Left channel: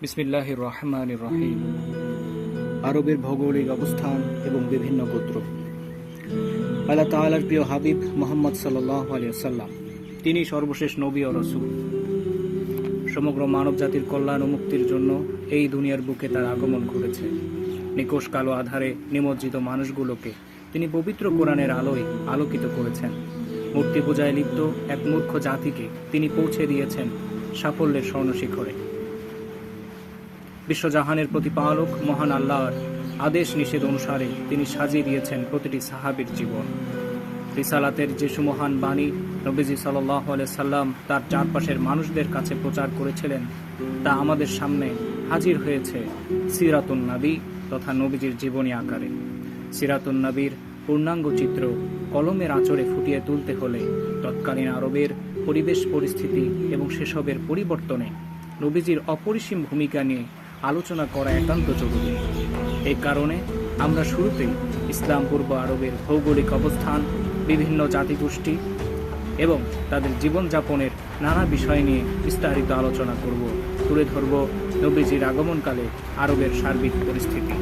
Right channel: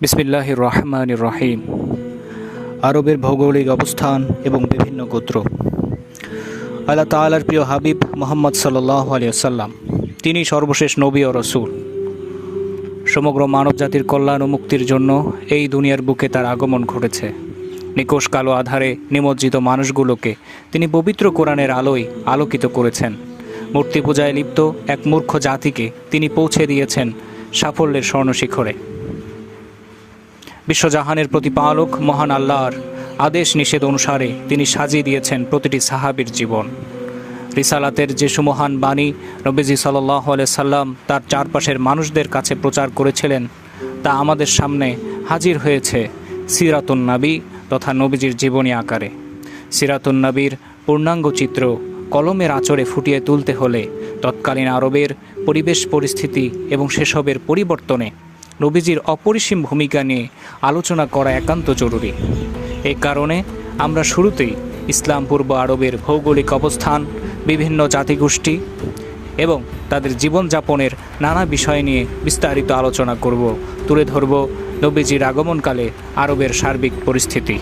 বিসমিল্লাহির রহমানির রহিম। আরবের ভৌগোলিক অবস্থান এবং বিভিন্ন গোত্র। আল্লাহ তাআলার প্রিয় হাবিব মুহাম্মদ সাল্লাল্লাহু আলাইহি ওয়াসাল্লাম, তিনি সর্বশেষ নবী ও রাসূল। সমগ্র মানবজাতির কল্যাণ ও মুক্তির জন্য এই দুনিয়ার বুকে তার আগমন ঘটেছে। নিকষ কালো আধারে নিমজ্জিত মানুষগুলোকে তিনি পবিত্র কোরআনের আলোয় আলোকিত করেছেন। মূর্তি পূজায় লিপ্ত এক মূর্খ জাতিকে তিনি পৌঁছে দিয়েছেন সাফল্যের স্বর্ণশিখরে। বিশ্বজাহানের প্রতিপালক মহান আল্লাহর আদেশ নিষেধ অনুসারে তিনি সাজিয়ে দিয়েছেন প্রতিটি সাহাবীর জীবন। রিসালাতের যে সুমহান বাণী নবীজি সাল্লাল্লাহু আলাইহি সাল্লাম তার চারপাশের মানুষদের কাছে প্রচার করেছিলেন, তা আমাদের সামনে হাজির হয়েছে সিরাতুন নবী তথা নবীজির জীবনী আকারে। সিরাতুন নবীর পূর্ণাঙ্গ চিত্র কলমের আঁচড়ে ফুটিয়ে তুলতে হলে তৎকালীন আরবের পরিবেশ পরিস্থিতি এবং সেসবের পরিবর্তনে নবীজির অপরিসীম ভূমিকা নিয়ে আলোচনা করা একান্ত জরুরি। এই কারণে আমরা শুরুতেই ইসলাম পূর্ব আরবের ভৌগোলিক অবস্থান, বিভিন্ন জাতিগোষ্ঠী এবং তাদের জীবনযাপনের নানা বিষয় নিয়ে বিস্তারিত আলোচনা করব, তুলে ধরব নবীজির আগমনকালে আরবের সার্বিক পরিস্থিতি।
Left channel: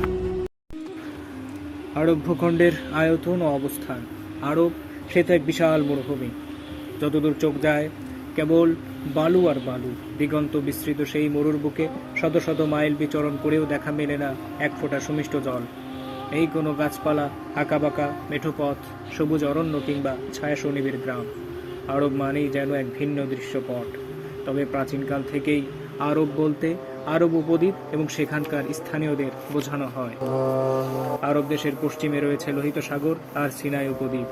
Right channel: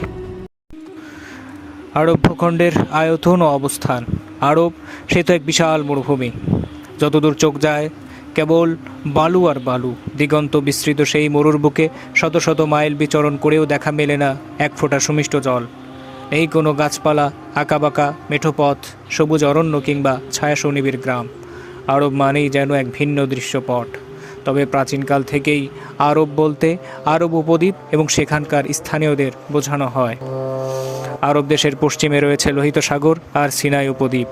আরব ভূখণ্ডের আয়তন ও অবস্থান। আরব সে তো এক বিশাল মরুভূমি, যতদূর চোখ যায় কেবল বালু আর বালু। দিগন্ত বিস্তৃত সেই মরুর বুকে শত শত মাইল বিচরণ করেও দেখা মেলে না এক ফোঁটা সুমিষ্ট জল। এই কোনো গাছপালা, আঁকাবাঁকা মেঠো পথ, সবুজ অরণ্য কিংবা ছায়া সুনিবিড় গ্রাম। আরব মানেই যেন এক ভিন্ন দৃশ্যপট। তবে প্রাচীনকাল থেকেই আরব বলতে আরব উপদ্বীপ এবং সেখানকার স্থানীয়দের বোঝানো হয়। আরব দেশের পশ্চিমে রয়েছে লোহিত সাগর আর সিনাই উপদ্বীপ।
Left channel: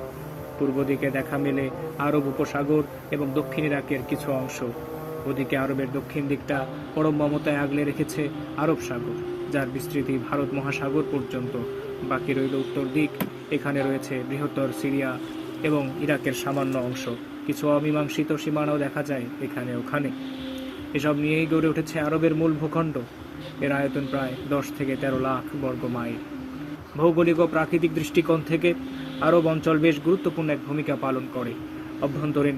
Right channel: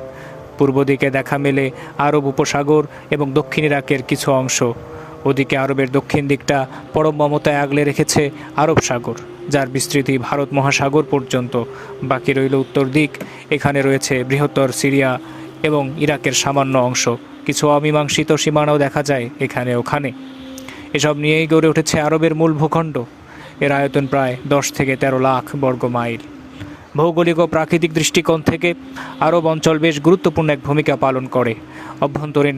পূর্ব দিকে দেখা মেলে আরব উপসাগর এবং দক্ষিণ ইরাকের কিছু অংশ। ওদিকে আরবের দক্ষিণ দিকটা পরম মমতায় আগলে রেখেছে আরব সাগর, যার বিস্তৃতি ভারত মহাসাগর পর্যন্ত। বাকি রইল উত্তর দিক। এখানে রয়েছে বৃহত্তর সিরিয়া এবং ইরাকের সামান্য অংশ। কিছু অমীমাংসিত সীমানাও দেখা যায় এখানে ওখানে। এসব নিয়েই গড়ে উঠেছে আরবের মূল ভূখণ্ড। এর আয়তন প্রায় 10 থেকে 13 লাখ বর্গ মাইল। ভৌগোলিক ও প্রাকৃতিক দৃষ্টিকোণ থেকে আরব অঞ্চল বেশ গুরুত্বপূর্ণ এক ভূমিকা পালন করে। অভ্যন্তরীণ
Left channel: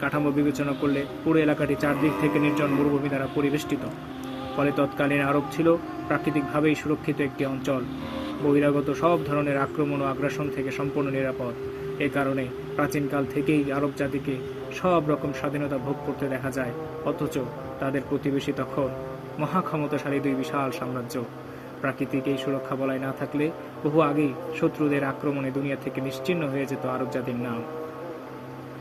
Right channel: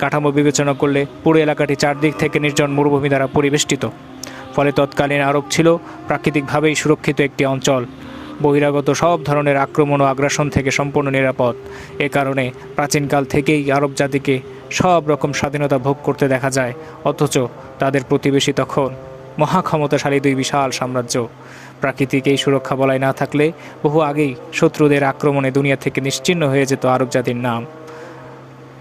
কাঠামো বিবেচনা করলে পুরো এলাকাটি চারদিক থেকে নির্জন মরুভূমি দ্বারা পরিবেষ্টিত। ফলে তৎকালীন আরব ছিল প্রাকৃতিকভাবেই সুরক্ষিত একটি অঞ্চল, বহিরাগত সব ধরনের আক্রমণ ও আগ্রাসন থেকে সম্পূর্ণ নিরাপদ। এ কারণে প্রাচীনকাল থেকেই আরব জাতিকে সব রকম স্বাধীনতা ভোগ করতে দেখা যায়, অথচ তাদের প্রতিবেশী তখন মহাক্ষমতাশালী দুই বিশাল সাম্রাজ্য। প্রাকৃতিক এই সুরক্ষা বলয় না থাকলে বহু আগেই শত্রুদের আক্রমণে দুনিয়া থেকে নিশ্চিহ্ন হয়ে যেত আরব জাতির নাম।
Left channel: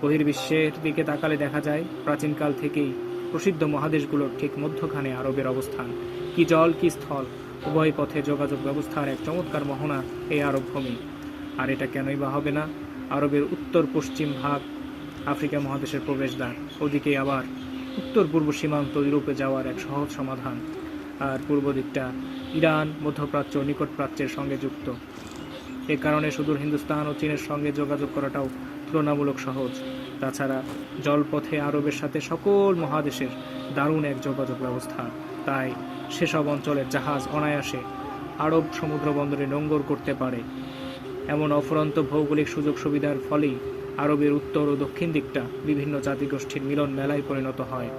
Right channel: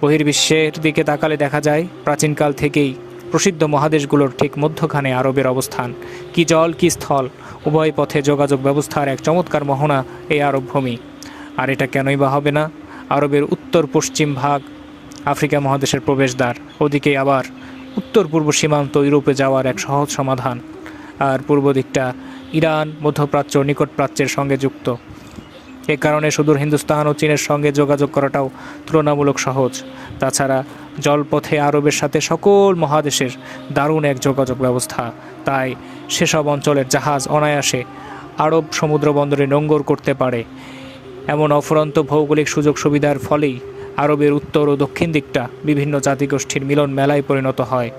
বহির্বিশ্বের দিকে তাকালে দেখা যায় প্রাচীনকাল থেকেই প্রসিদ্ধ মহাদেশগুলোর ঠিক মধ্যখানে আরবের অবস্থান। কি জল কি স্থল, উভয় পথে যোগাযোগ ব্যবস্থার এক চমৎকার মোহনা এই আরব ভূমি। আর এটা কেনই বা হবে না? আরবের উত্তর পশ্চিম ভাগ আফ্রিকা মহাদেশের প্রবেশদ্বার, ওদিকে আবার উত্তর পূর্ব সীমান্ত ইউরোপে যাওয়ার এক সহজ সমাধান। আর পূর্ব দিকটা ইরান, মধ্যপ্রাচ্য, নিকট প্রাচ্যের সঙ্গে যুক্ত। এ কারণে সুদূর হিন্দুস্তান ও চীনের সঙ্গে যোগাযোগ করাটাও তুলনামূলক সহজ। তাছাড়া জলপথে আরবের সাথে সকল মহাদেশের দারুণ এক যোগাযোগ ব্যবস্থা। তাই সেসব অঞ্চলের জাহাজ অনায়াসে আরব সমুদ্র বন্দরে নোঙ্গর করতে পারে। এমন অফুরন্ত ভৌগোলিক সুযোগ সুবিধার ফলেই আরবের উত্তর ও দক্ষিণ দিকটা বিভিন্ন জাতিগোষ্ঠীর মিলন মেলায় পরিণত হয়।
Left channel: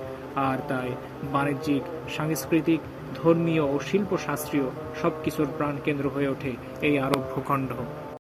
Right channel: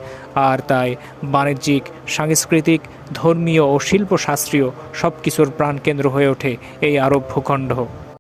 আর তাই বাণিজ্যিক, সাংস্কৃতিক, ধর্মীয় ও শিল্পশাস্ত্রীয় সব কিছুর প্রাণকেন্দ্র হয়ে ওঠে এই আরব ভূখণ্ড।